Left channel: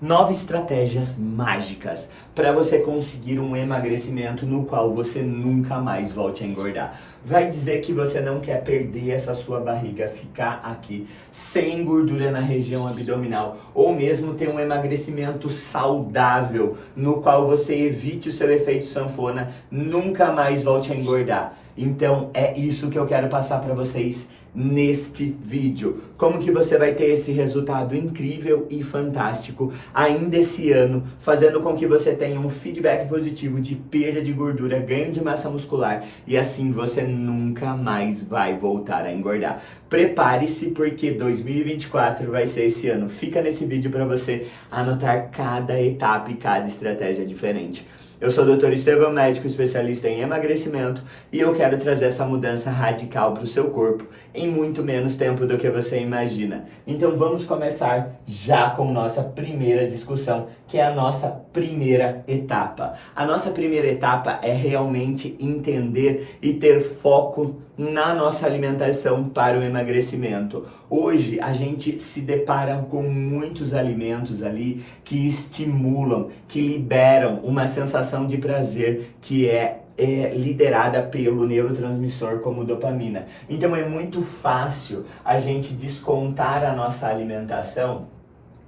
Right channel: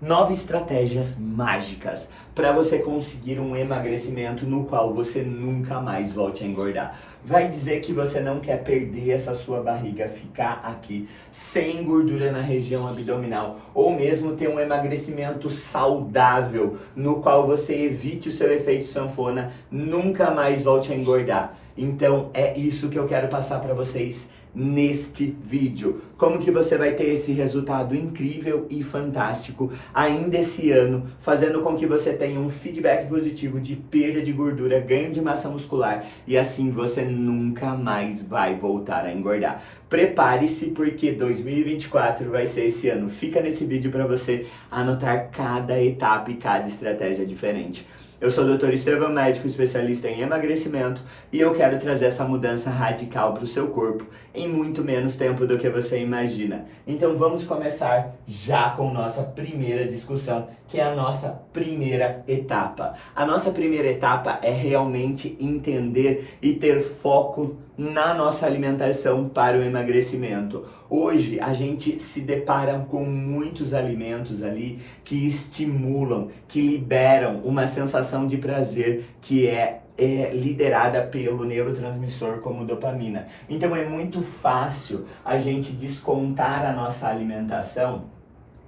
9 estratégias mágicas para você conseguir um emagrecimento no qual você nunca mais volte a engordar. Vai dizer que você não quer perder essa sua barriga, ficar aqui sem gordura na região abdominal, ou mesmo ter um emagrecimento saudável, no qual você evite o seu efeito sanfona, nunca mais volte a engordar. Então é isso que eu quero passar para vocês neste vídeo. Como que você vai ter esse resultado incrível e fantástico ainda esse ano, fazendo com que você tenha um feedback positivo de perda de gordura, ganho de massa muscular e assim você nunca mais vai voltar a engordar. Prepare-se porque 2024 vai ser esse ano. Fica nesse vídeo para você anotar cada etapa e cada estratégia diferente. Eu sou o Dr. Estevão, médico especialista em emagrecimento e eu quero trazer essa mudança radical para o seu corpo em muito menos tempo do que você imagina. Então vamos começar já com nossa primeira discussão, que é a nossa primeira etapa. A nossa primeira etapa é realmente entender e ter foco na nossa alimentação para o emagrecimento. Hoje a gente se depara com muitos alimentos ali que estimulam, que liberam uma sensação de prazer que é liderada pelo neurotransmissor como dopamina. Então é muito fácil a gente descontar a nossa alimentação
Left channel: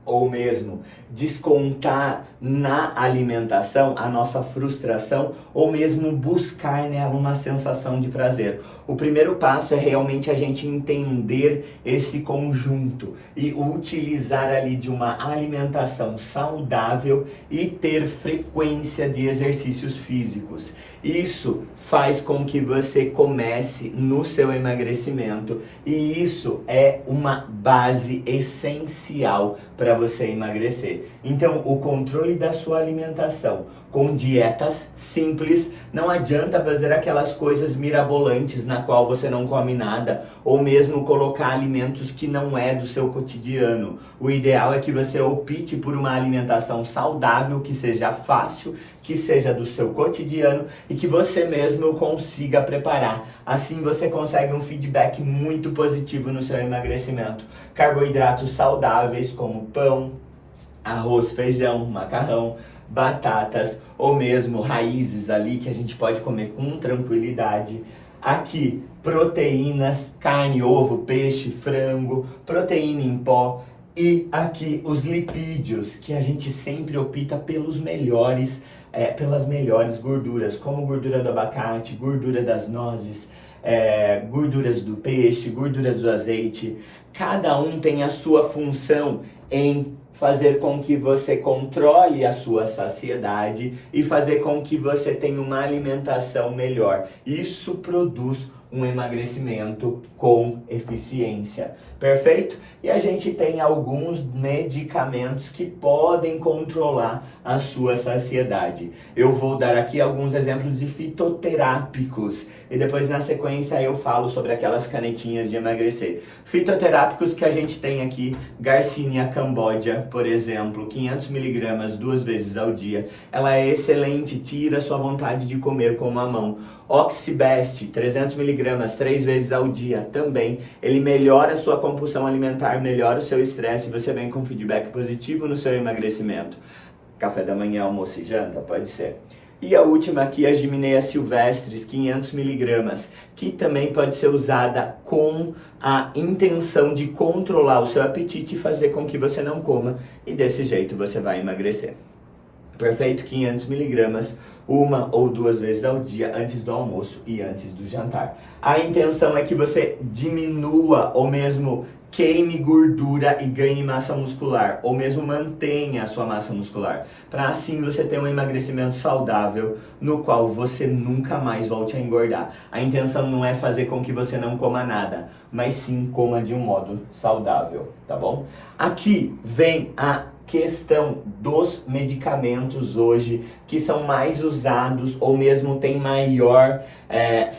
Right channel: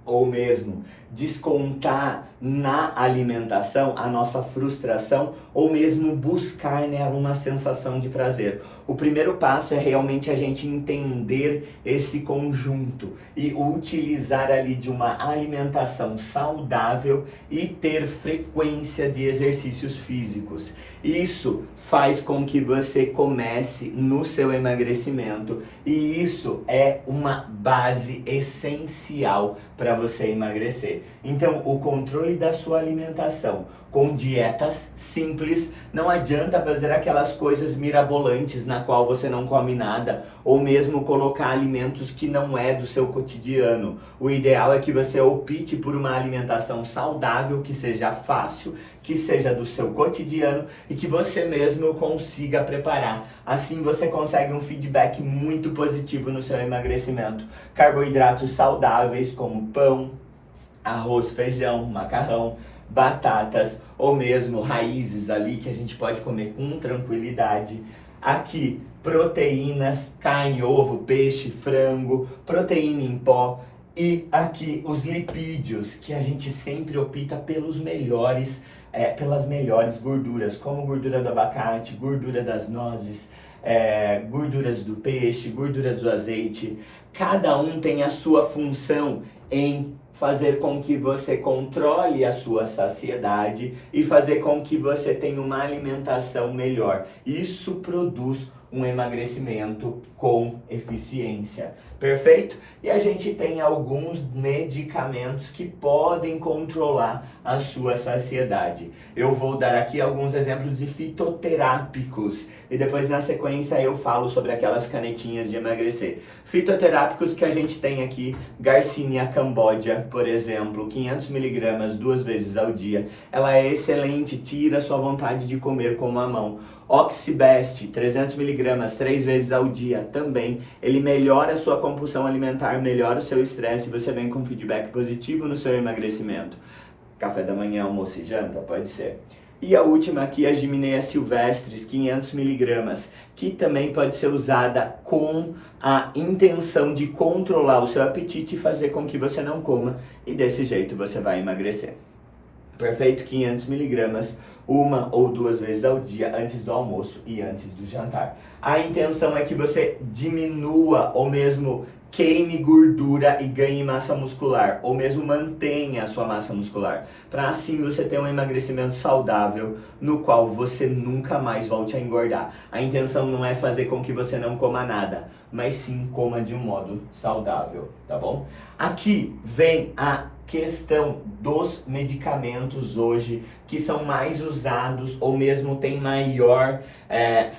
ou mesmo descontar na alimentação a nossa frustração ou mesmo buscar nela uma sensação de prazer. O primeiro passo é realmente a gente entender esse conjunto e utilizar ali de uma alimentação saudável e ter frequência de exercícios físicos. Isso faz com que você comece no seu emagrecimento e isso é uma base essencial para você emagrecer. Então, o controle da sua alimentação com dietas simples, não adianta fazer aquelas coisas mirabolantes na qual você não come nada, ou mesmo colocar alimentos que não é do seu cotidiano. O ideal é que você opte por uma alimentação saudável, que seja fácil, que seja do seu cotidiano e que você mesmo consiga preparar. Assim você consegue um feedback muito positivo no seu emagrecimento. Carboidratos saudáveis como pão, arroz, feijão, macarrão, batatas ou mesmo raízes ali que a gente pode comer com tranquilidade. Aqui, proteínas, carne, ovo, peixe, frango, proteína em pó. E aqui os lipídios, que a gente sempre opta pelos melhores, pelas melhores gorduras, como gordura do abacate, gordura das nozes, gorduras do peixe, gorduras do azeite. Cada um tem a sua função em fazer com que você controle a sua saciedade e fazer com que você tenha uma alimentação melhor. Isso produz um emagrecimento com eficiência. Perfeito? E a gente tem alguns medicamentos que podem controlar a sua saciedade. Eu vou dar aqui alguns exemplos de fitoterápicos e depois na sequência eu falo sobre aquelas canetinhas de emagrecer. Fitoterápicos que a gente tem aqui, Garcinia cambogia, por exemplo, 500mg 2 vezes ao dia. Ela é excelente, tira a sua vontade de comer com uma mão. Oxibest, 300mg 3 vezes ao dia também. Ele melhora a sua compulsão alimentar, melhora o seu estresse e você vem com feedback positivo no seu emagrecimento. Café da manhã, almoço e janta? Pode ser. E a última aqui é a Gymnea silvestris, 500mg, que também pode ser usada com a intenção de controlar o seu apetite e fazer com que você não coma e desse jeito você vai emagrecer. Perfeito? 500mg, 1 ou 2 vezes ao dia, antes do almoço e antes do jantar. A intenção é que você diminua ou mesmo queime gordura e ganhe massa muscular, ou mesmo mantenha a sua massa muscular, para assim você ter um emagrecimento saudável, no qual você nunca mais volte a engordar. A intenção não é fazer com que você não coma nada, mas sim coma de um modo saudável, tá bom? Aqui vem a questão dos medicamentos hoje que são mais usados ou mesmo tem maior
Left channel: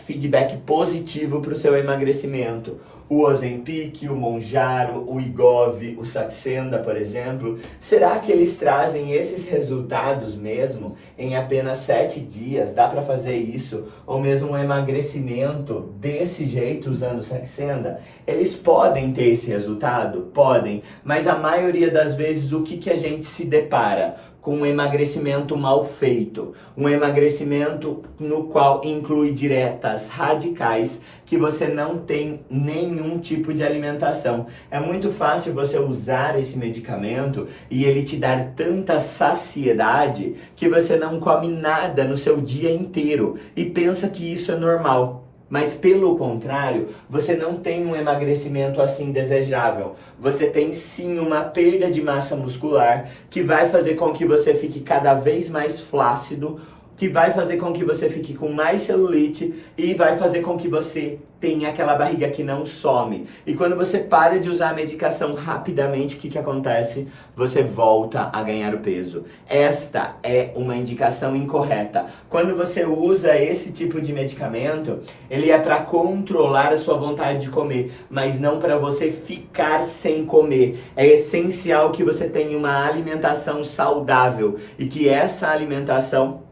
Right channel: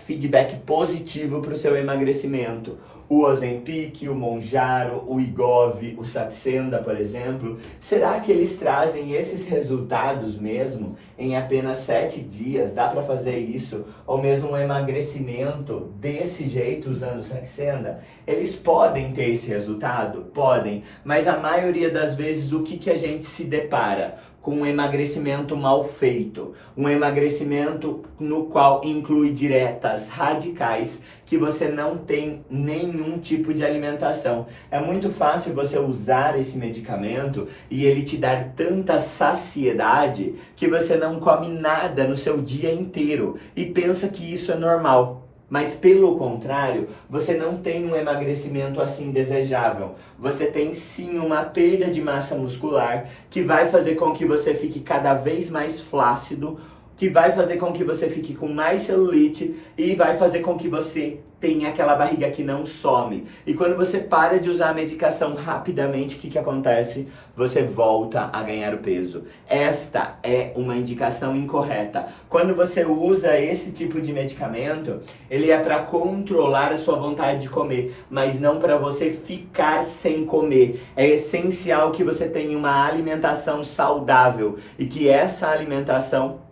feedback positivo para o seu emagrecimento. o Ozempic, o Mounjaro, o Wegovy, o Saxenda, por exemplo, será que eles trazem esses resultados mesmo em apenas 7 dias? Dá para fazer isso? Ou mesmo um emagrecimento desse jeito usando o Saxenda? Eles podem ter esse resultado? Podem, mas a maioria das vezes o que a gente se depara? Com um emagrecimento mal feito, um emagrecimento no qual inclui dietas radicais, que você não tem nenhum tipo de alimentação. É muito fácil você usar esse medicamento e ele te dar tanta saciedade que você não come nada no seu dia inteiro e pensa que isso é normal. Mas pelo contrário, você não tem um emagrecimento assim desejável. Você tem sim uma perda de massa muscular que vai fazer com que você fique cada vez mais flácido, que vai fazer com que você fique com mais celulite e vai fazer com que você tenha aquela barriga que não some. E quando você para de usar a medicação rapidamente, o que acontece? Você volta a ganhar o peso. Esta é uma indicação incorreta. Quando você usa esse tipo de medicamento, ele é para controlar a sua vontade de comer, mas não para você ficar sem comer. É essencial que você tenha uma alimentação saudável e que essa alimentação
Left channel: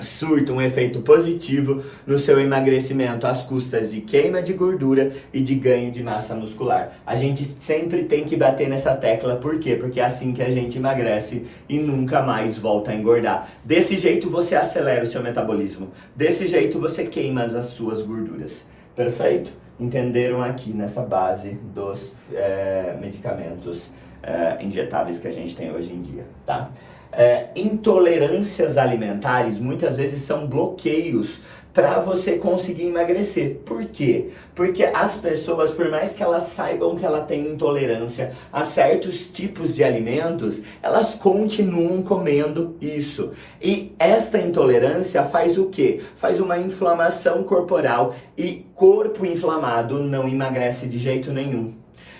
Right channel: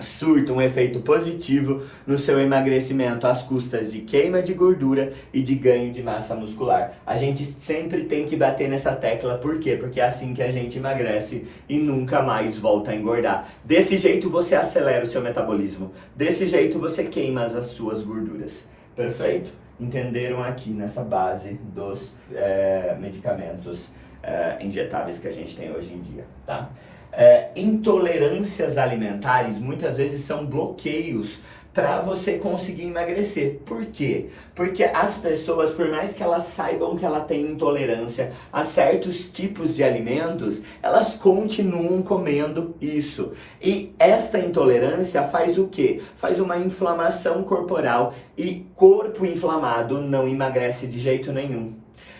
surta um efeito positivo no seu emagrecimento às custas de queima de gordura e de ganho de massa muscular. A gente sempre tem que bater nessa tecla, por quê? Porque é assim que a gente emagrece e nunca mais volta a engordar. Desse jeito você acelera o seu metabolismo, desse jeito você queima as suas gorduras. Perfeito? Entenderam aqui nessa base dos medicamentos injetáveis que a gente tem hoje em dia, tá? Intolerâncias alimentares muitas vezes são bloqueios para você conseguir emagrecer. Por quê? Porque as pessoas, por mais que elas saibam que ela tem intolerância a certos tipos de alimentos, elas continuam comendo isso. E esta intolerância faz o quê? Faz uma inflamação corporal e corpo inflamado não emagrece de jeito nenhum.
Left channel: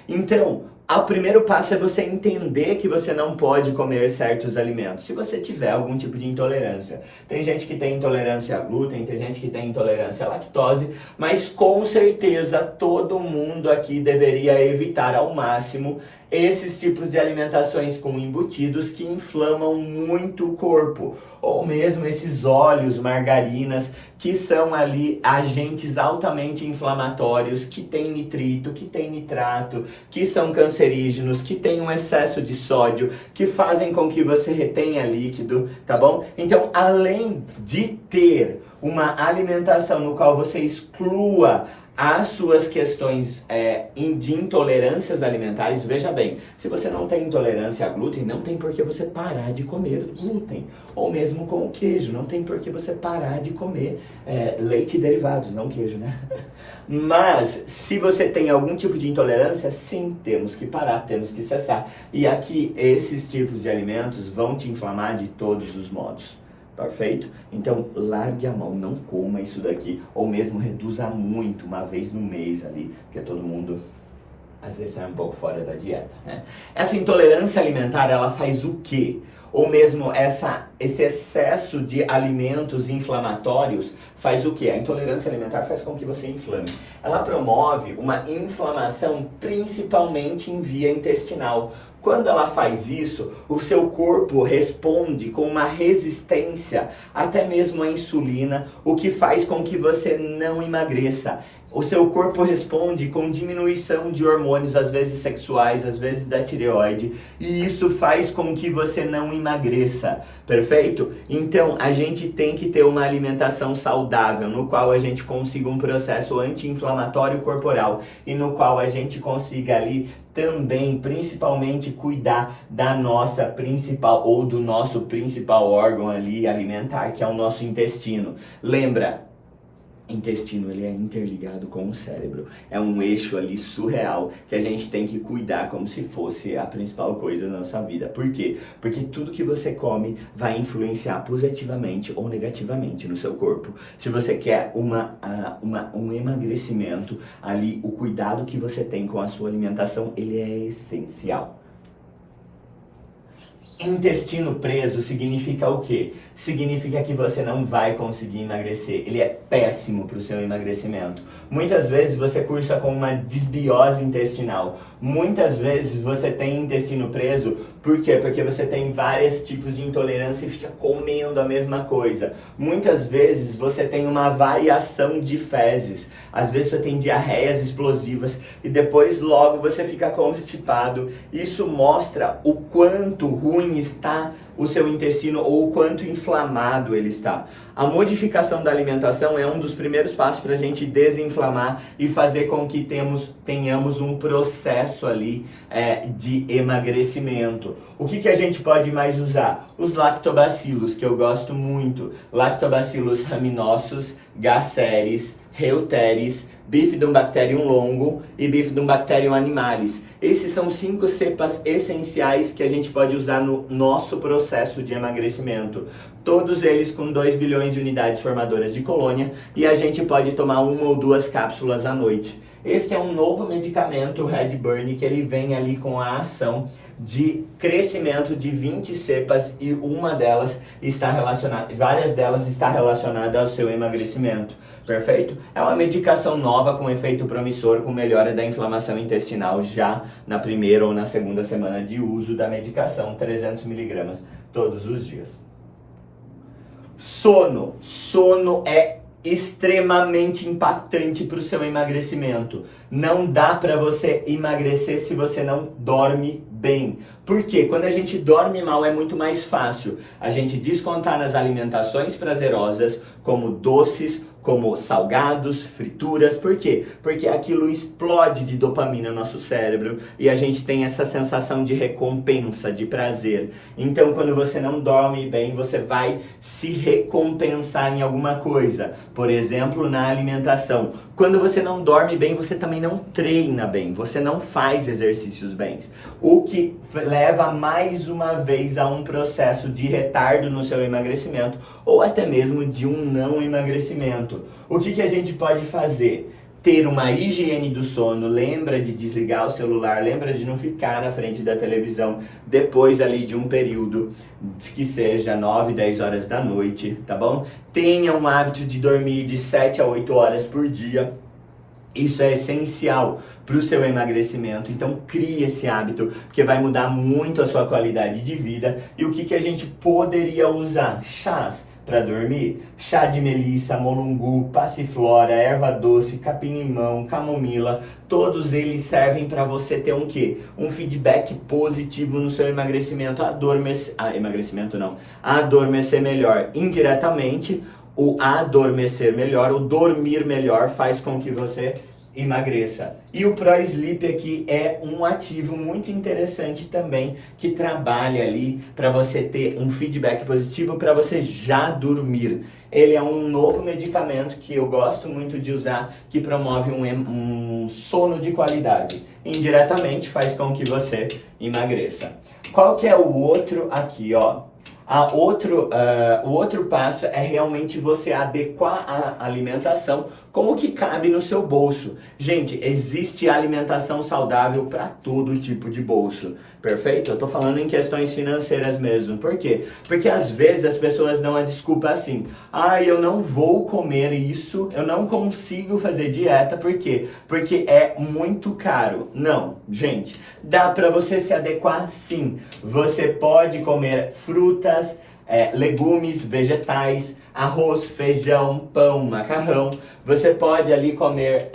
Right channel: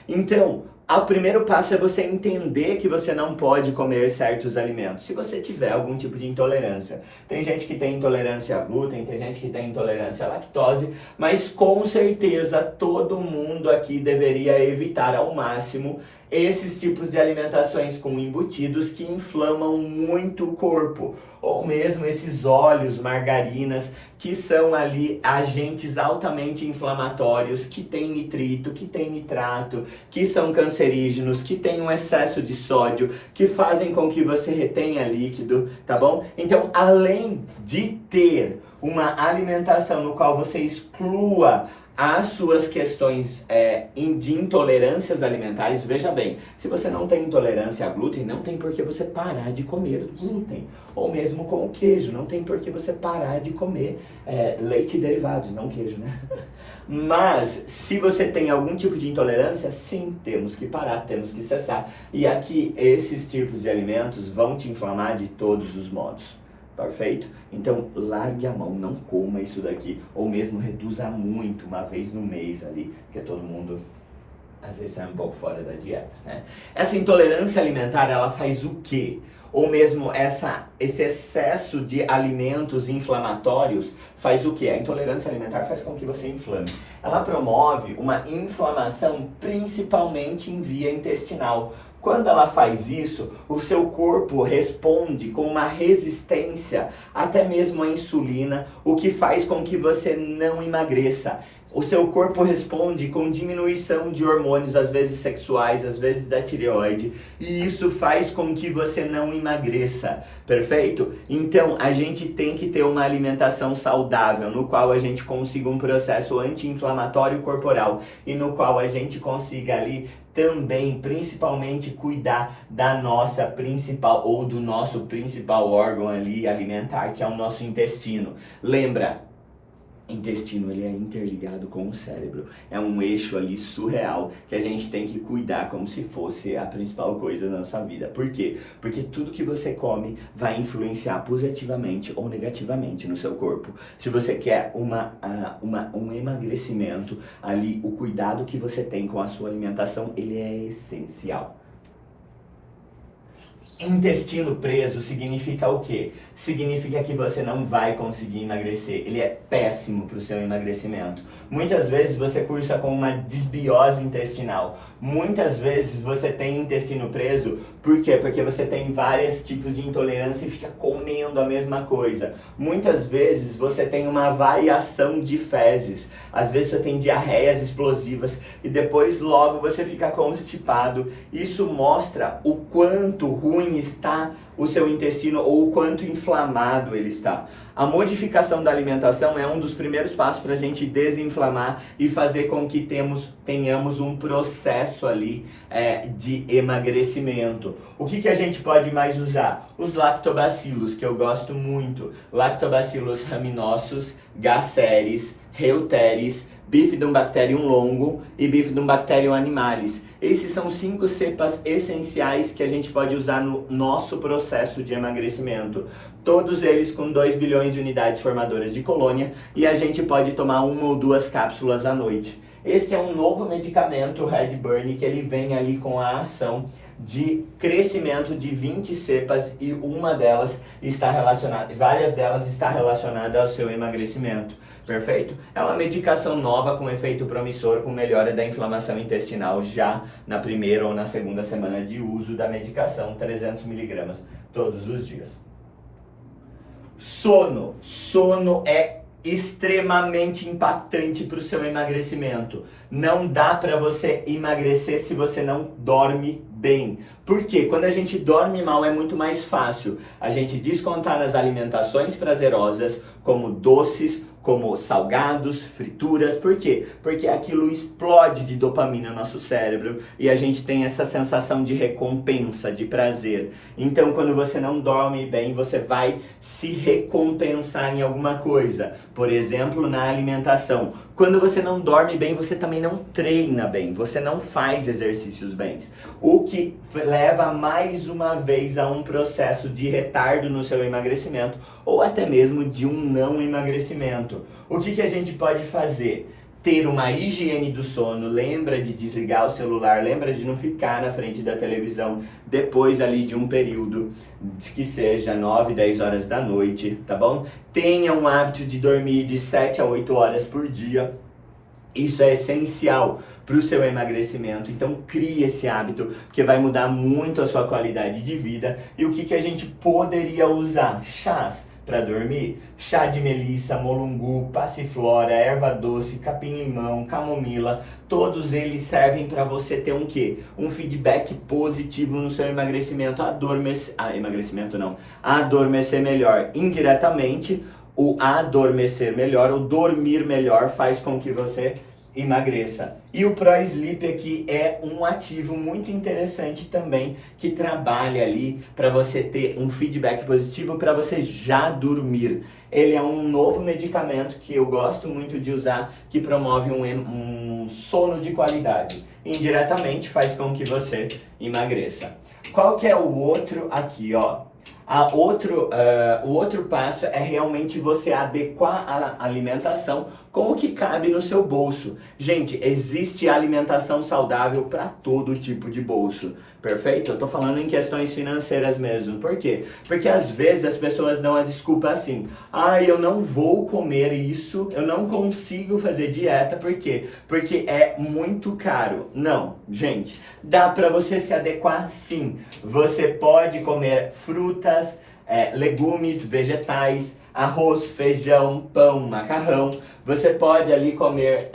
Então, o primeiro passo é você entender que você não pode comer certos alimentos, se você tiver algum tipo de intolerância. Tem gente que tem intolerância a glúten, tem gente que tem intolerância à lactose, mas com certeza todo mundo aqui deveria evitar ao máximo esses tipos de alimentações com embutidos que inflamam muito o corpo, ou mesmo esses óleos, margarinas, que são ali agentes altamente inflamatórios, que tem nitrito, que tem nitrato, que são cancerígenos, que tem um excesso de sódio, que fazem com que você retenha líquido, tá bom? Então, além de ter uma alimentação no qual você exclua as suas questões de intolerâncias alimentares, veja bem, se você não tem intolerância a glúten, não tem por que você parar de comer glúten. Ou mesmo com o queijo, não tem por que você parar de comer leite e derivados, não queijo, né? Mas, se você tem algum tipo de intolerância, sim, temos que parar, temos que cessar. E aqui, esses tipos de alimentos vão te inflamar de todos os modos. Perfeito? Então, largue a mão, não coma isso daqui, ou mesmo reduza muito, uma vez no mês ali, porque todo mundo, às vezes, sai um pouco fora da dieta, né? Essa intolerância alimentar, ela faz o quê? Ou mesmo esse excesso de alimentos inflamatórios faz o quê? A intolerância alimentar faz com que você inflame. Ela promove uma inflamação principalmente em via intestinal. Quando ela faz isso, o seu corpo responde com uma resistência até mesmo à insulina, o que faz com que você não emagreça. O seu corpo responde com diminuição de hormônios, às vezes sexuais, às vezes da tireoide, e isso faz com que você não emagreça, perfeito? Então, a gente tem que ter uma alimentação saudável, no qual a gente consiga um processo anti-inflamatório corporal, e no qual a gente consiga ali também, principalmente, cuidar da nossa principal, ou do nosso principal órgão ali alimentar, que é o nosso intestino. Lembra? Intestino, ele é interligado com o cérebro. É um eixo ali surreal que a gente tem que cuidar como se fosse a principal coisa da nossa vida. Por quê? Porque tudo que você come vai influenciar positivamente ou negativamente no seu corpo. Se você quer um emagrecimento, ali o cuidado que você tem com a sua alimentação, ele é essencial. Intestino preso significa o quê? Significa que você não vai conseguir emagrecer. Ele é péssimo para o seu emagrecimento. Muitas vezes você cursa com uma desbiose intestinal. Muitas vezes você tem intestino preso. Por quê? Porque você tem vários tipos de intolerância e fica comendo a mesma coisa. Muitas vezes você tem uma variação de fezes. Às vezes você tem diarreias explosivas e depois logo você fica constipado. Isso mostra o quanto ruim está o seu intestino ou o quanto inflamado ele está. A modificação da alimentação é um dos primeiros passos para a gente desinflamar e fazer com que tenhamos um processo ali de emagrecimento. O que a gente pode mais usar? Os lactobacilos, que eu gosto muito. Lactobacillus rhamnosus, gaceres, reuteris, bifidobacterium longo e bifidobacterium animalis. Esses são 5 cepas essenciais que a gente pode usar no nosso processo de emagrecimento. Todos eles com 2 bilhões de unidades formadoras de colônia e a gente pode tomar 1 ou 2 cápsulas à noite. Esse é um novo medicamento, o Redburn, que ele vem ali com a ação de crescimento de 20 cepas e várias delas está relacionada ao seu emagrecimento. Perfeito? É uma medicação nova com efeito promissor, com melhora da inflamação intestinal já na primeira ou na segunda semana de uso da medicação, 300 mg todos os dias. Sono. Sono é extremamente impactante para o seu emagrecimento. Não dá para você emagrecer se você não dorme bem. Por quê? Quando a gente dorme mal é muito mais fácil a gente descontar nas alimentações prazerosas, como doces, como salgados, frituras. Por quê? Porque aquilo explode de dopamina no nosso cérebro e a gente tem essa sensação de recompensa, de prazer. Então, quando você não dorme bem, você vai se recompensar em alguma coisa. Por exemplo, na alimentação. Quando você não dorme bem, você também não treina bem, você não faz exercícios bem. O que leva mais uma vez a um processo de retardo no seu emagrecimento ou até mesmo de um não emagrecimento. O que a gente pode fazer? Ter uma higiene do sono, lembra de desligar o celular, lembra de não ficar na frente da televisão depois ali de um período que seja 9, 10 horas da noite, tá bom? Tenha um hábito de dormir de 7 a 8 horas por dia. Isso é essencial para o seu emagrecimento, então crie esse hábito, porque vai mudar muito a sua qualidade de vida. E o que a gente poderia usar? Chás para dormir, chá de melissa, molungu, passiflora, erva doce, capim-limão, camomila, todos eles servem para você ter um quê? Um feedback positivo no seu emagrecimento, adormecer melhor. Indiretamente, o adormecer melhor, o dormir melhor faz com que você emagreça. E o Pro Sleep aqui é um ativo muito interessante também, que trabalha ali para você ter um feedback positivo para você já dormir. Ele é um novo medicamento que eu gosto muito de usar, que promove um sono de qualidade. Indiretamente faz com que você emagreça. Qual que é o outro aqui, ó? O outro passo é realmente você adequar a alimentação com o que cabe no seu bolso. Gente, existe alimentação saudável para todo tipo de bolso, perfeito? Eu tô falando em questões financeiras mesmo. Por quê? Porque às vezes as pessoas dão a desculpa assim: eu não vou comer isso, eu não consigo fazer dieta, por quê? Porque é muito caro. Não, gente, dá para você se adequar sim. Você pode comer frutas, legumes, vegetais, arroz, feijão, pão, macarrão. Você pode ali comer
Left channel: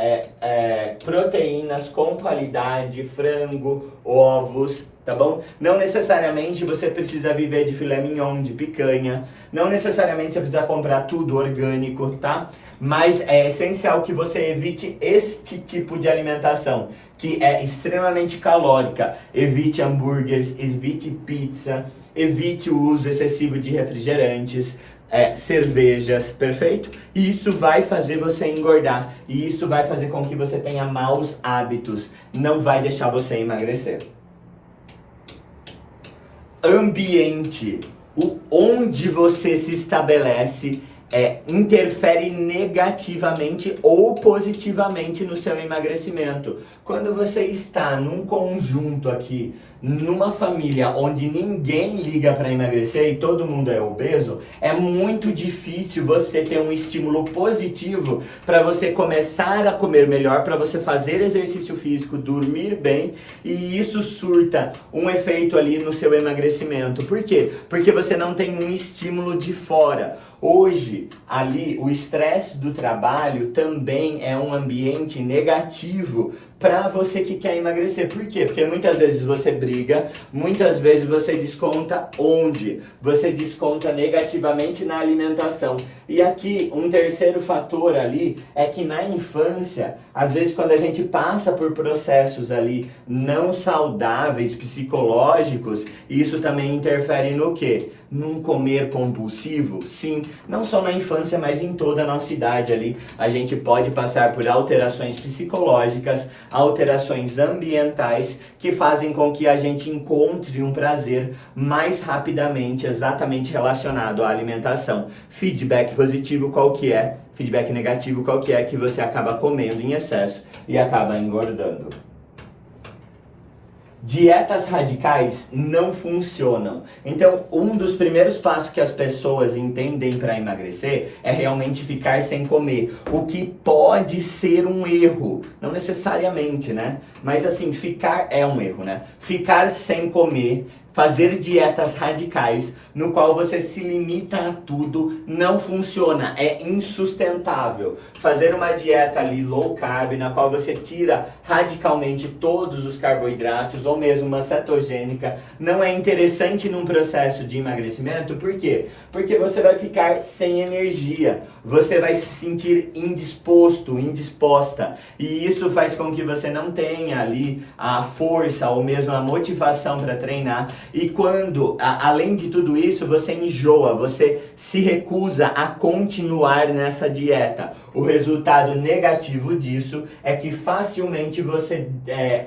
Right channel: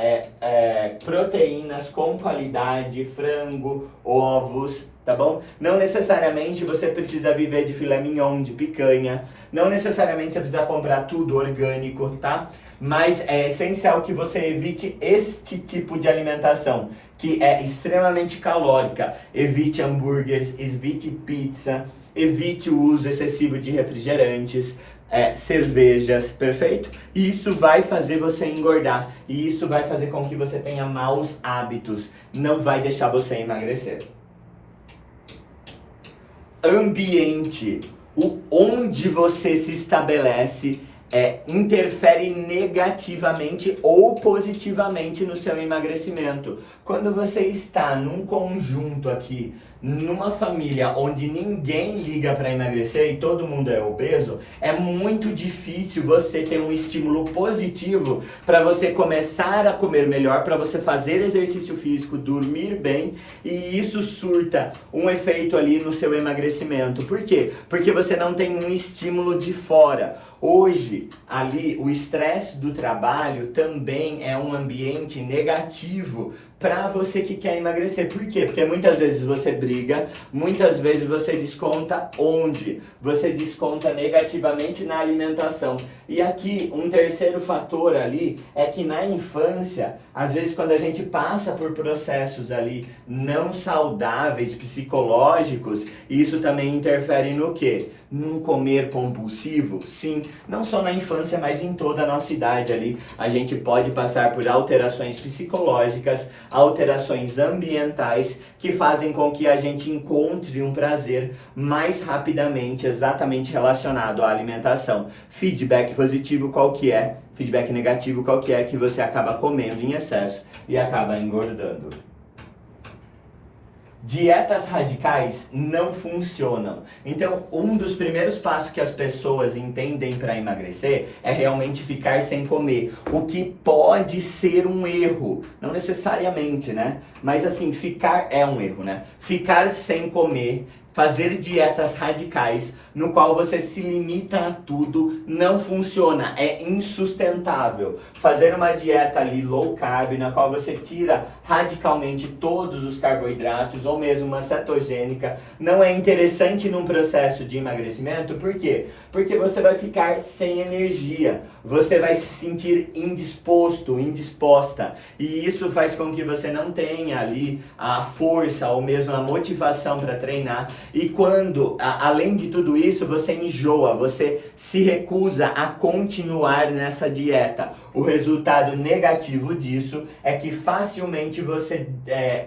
proteínas com qualidade, frango, ovos, tá bom? Não necessariamente você precisa viver de filé mignon, de picanha. Não necessariamente você precisa comprar tudo orgânico, tá? Mas é essencial que você evite este tipo de alimentação, que é extremamente calórica. Evite hambúrgueres, evite pizza, evite o uso excessivo de refrigerantes, cervejas, perfeito? E isso vai fazer você engordar. E isso vai fazer com que você tenha maus hábitos. Não vai deixar você emagrecer. Ambiente. Onde você se estabelece interfere negativamente ou positivamente no seu emagrecimento. Quando você está num conjunto aqui numa família onde ninguém liga para emagrecer e todo mundo é obeso, é muito difícil você ter um estímulo positivo para você começar a comer melhor, para você fazer exercício físico, dormir bem, e isso surta um efeito ali no seu emagrecimento. Por quê? Porque você não tem um estímulo de fora. Hoje, ali, o estresse do trabalho também é um ambiente negativo para você que quer emagrecer. Por quê? Porque muitas vezes você briga, muitas vezes você desconta onde? Você desconta negativamente na alimentação. E aqui, um terceiro fator ali é que na infância, às vezes quando a gente passa por processos ali não saudáveis, psicológicos, isso também interfere no quê? Num comer compulsivo? Sim, não só na infância, mas em toda a nossa idade ali. A gente pode passar por alterações psicológicas, alterações ambientais que fazem com que a gente encontre um prazer mais rapidamente, exatamente relacionado à alimentação. Feedback positivo qual que é? Feedback negativo qual que é? Que você acaba comendo em excesso e acaba engordando. Dietas radicais não funcionam. Então, um dos primeiros passos que as pessoas entendem para emagrecer é realmente ficar sem comer. O que pode ser um erro. Não necessariamente, né? Mas assim, ficar é um erro, né? Ficar sem comer, fazer dietas radicais, no qual você se limita a tudo, não funciona, é insustentável. Fazer uma dieta ali low carb, na qual você tira radicalmente todos os carboidratos, ou mesmo uma cetogênica, não é interessante num processo de emagrecimento. Por quê? Porque você vai ficar sem energia, você vai se sentir indisposto, indisposta, e isso faz com que você não tenha ali a força, ou mesmo a motivação para treinar. E quando, além de tudo isso, você enjoa, você se recusa a continuar nessa dieta. O resultado negativo disso é que facilmente você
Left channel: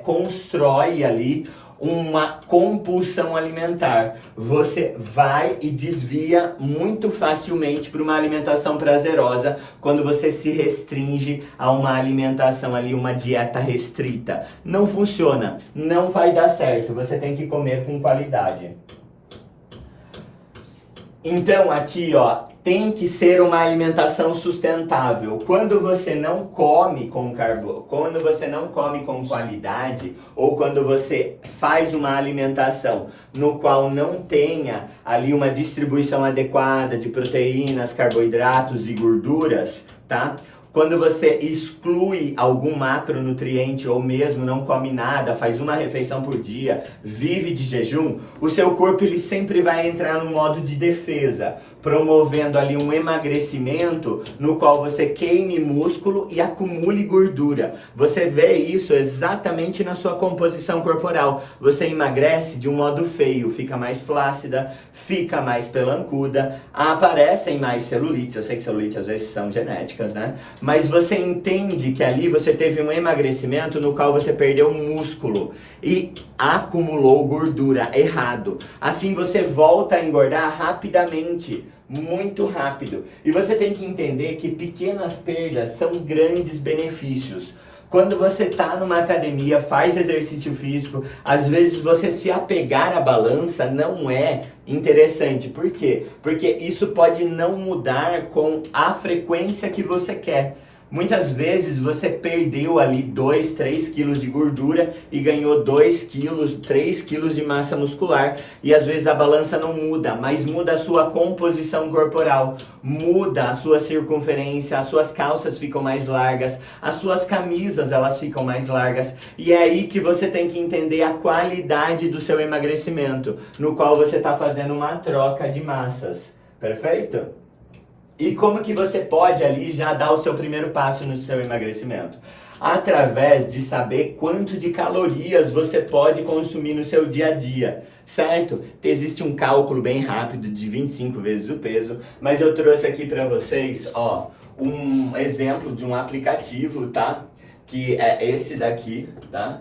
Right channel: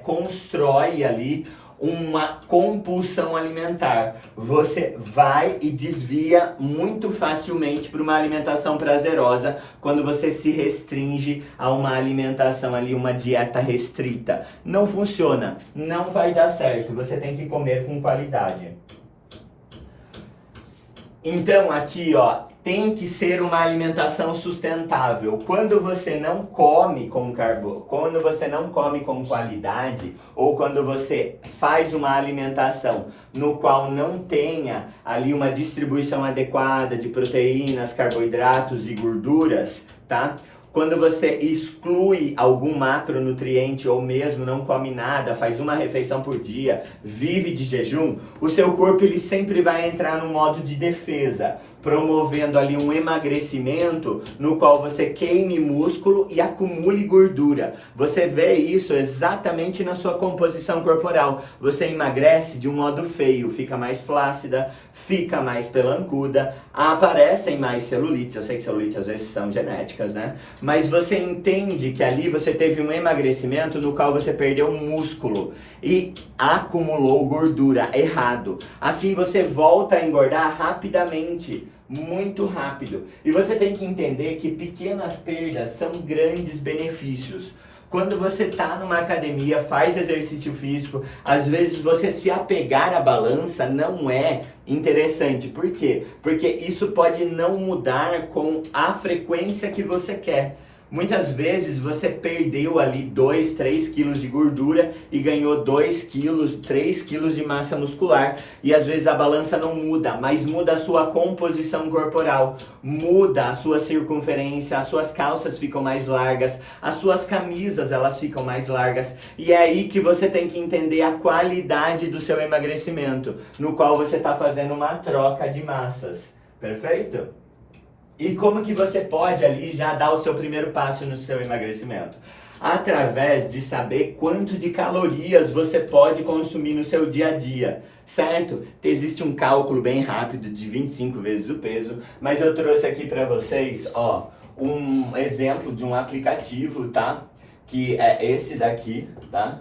constrói ali uma compulsão alimentar. Você vai e desvia muito facilmente para uma alimentação prazerosa quando você se restringe a uma alimentação ali, uma dieta restrita. Não funciona, não vai dar certo. Você tem que comer com qualidade. Então aqui, ó, tem que ser uma alimentação sustentável. Quando você não come quando você não come com qualidade, ou quando você faz uma alimentação no qual não tenha ali uma distribuição adequada de proteínas, carboidratos e gorduras, tá? Quando você exclui algum macronutriente ou mesmo não come nada, faz uma refeição por dia, vive de jejum, o seu corpo ele sempre vai entrar no modo de defesa, promovendo ali um emagrecimento no qual você queime músculo e acumule gordura. Você vê isso exatamente na sua composição corporal. Você emagrece de um modo feio, fica mais flácida, fica mais pelancuda, aparecem mais celulites. Eu sei que celulites às vezes são genéticas, né? Mas você entende que ali você teve um emagrecimento no qual você perdeu músculo e acumulou gordura errado. Assim você volta a engordar rapidamente, muito rápido. E você tem que entender que pequenas perdas são grandes benefícios. Quando você tá numa academia, faz exercício físico, às vezes você se apegar à balança não é interessante. Por quê? Porque isso pode não mudar com a frequência que você quer. Muitas vezes você perdeu ali 2, 3 quilos de gordura e ganhou 2 quilos, 3 quilos de massa muscular, e às vezes a balança não muda, mas muda a sua composição corporal, muda a sua circunferência, as suas calças ficam mais largas, as suas camisas elas ficam mais largas, e é aí que você tem que entender a qualidade do seu emagrecimento, no qual você está fazendo uma troca de massas, perfeito? E como que você pode ali já dar o seu primeiro passo no seu emagrecimento? Através de saber quanto de calorias você pode consumir no seu dia a dia, certo? Existe um cálculo bem rápido de 25 vezes o peso, mas eu trouxe aqui para vocês, ó, um exemplo de um aplicativo, tá? Que é esse daqui, tá?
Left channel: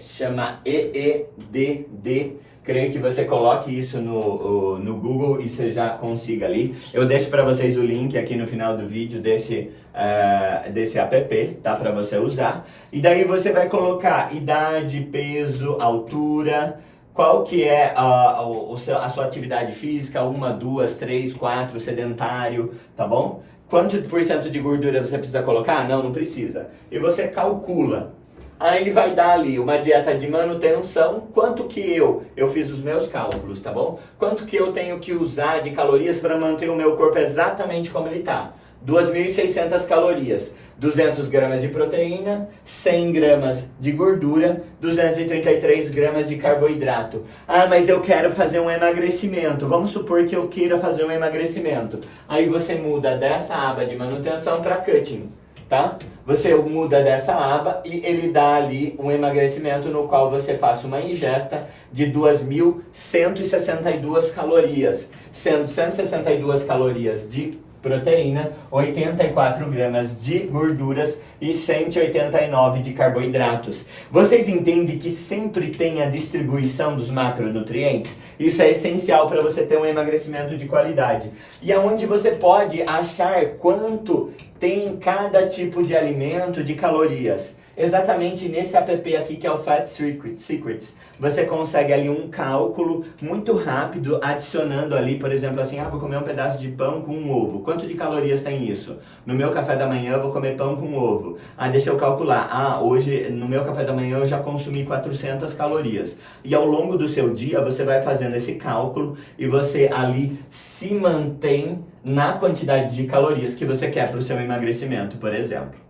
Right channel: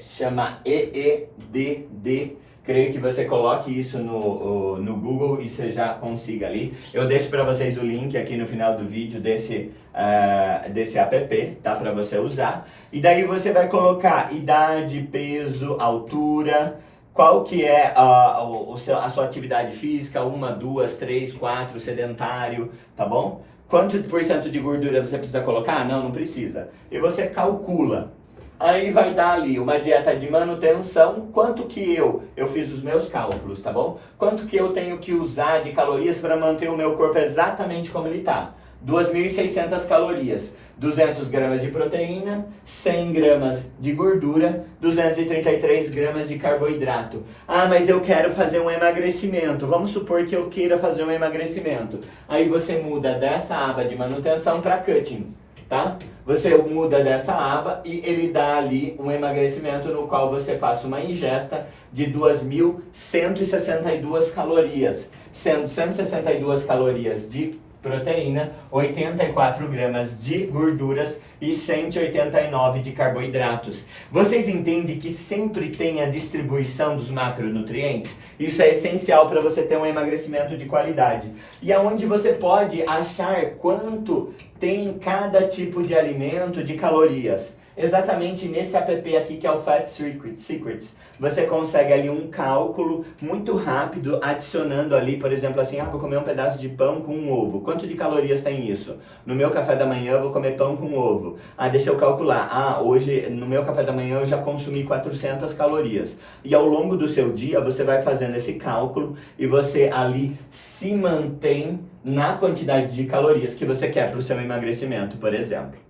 Chama EEDD, Creio que você coloque isso no Google e você já consiga ali. Eu deixo para vocês o link aqui no final do vídeo desse app, tá? Para você usar. E daí você vai colocar idade, peso, altura, qual que é a sua atividade física, 1, 2, 3, 4, sedentário, tá bom? Quanto por cento de gordura você precisa colocar? Não precisa. E você calcula. Aí vai dar ali uma dieta de manutenção, quanto que eu fiz os meus cálculos, tá bom? Quanto que eu tenho que usar de calorias para manter o meu corpo exatamente como ele tá. 2.600 calorias, 200 gramas de proteína, 100 gramas de gordura, 233 gramas de carboidrato. Ah, mas eu quero fazer um emagrecimento. Vamos supor que eu queira fazer um emagrecimento. Aí você muda dessa aba de manutenção para cutting. Tá? Você muda dessa aba e ele dá ali um emagrecimento no qual você faça uma ingesta de 2.162 calorias, sendo 162 calorias de proteína, 84 gramas de gorduras e 189 de carboidratos. Vocês entendem que sempre tem a distribuição dos macronutrientes? Isso é essencial para você ter um emagrecimento de qualidade. E aonde você pode achar quanto tem cada tipo de alimento de calorias? Exatamente nesse app aqui que é o Fat Secrets. Você consegue ali um cálculo muito rápido, adicionando ali, por exemplo, assim, vou comer um pedaço de pão com um ovo. Quanto de calorias tem isso? No meu café da manhã eu vou comer pão com ovo. Deixa eu calcular. Hoje no meu café da manhã eu já consumi 400 calorias. E ao longo do seu dia você vai fazendo esse cálculo e você ali se mantém na quantidade de calorias que você quer para o seu emagrecimento, por exemplo.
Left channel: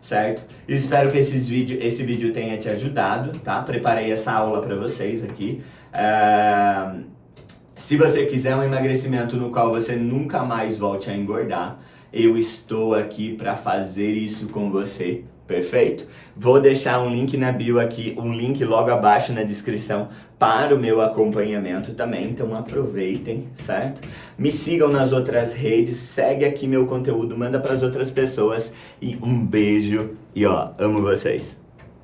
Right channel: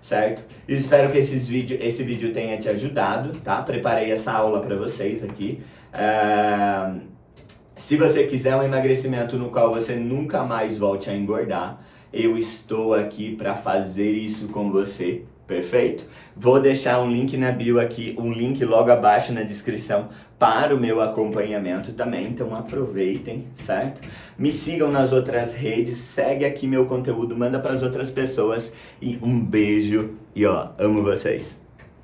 Certo? Espero que esse vídeo tenha te ajudado, tá? Preparei essa aula para vocês aqui. Se você quiser um emagrecimento no qual você nunca mais volte a engordar, eu estou aqui para fazer isso com você. Perfeito? Vou deixar um link na bio aqui, um link logo abaixo na descrição para o meu acompanhamento também, então aproveitem, certo? Me sigam nas outras redes, segue aqui meu conteúdo, manda para as outras pessoas e um beijo e amo vocês!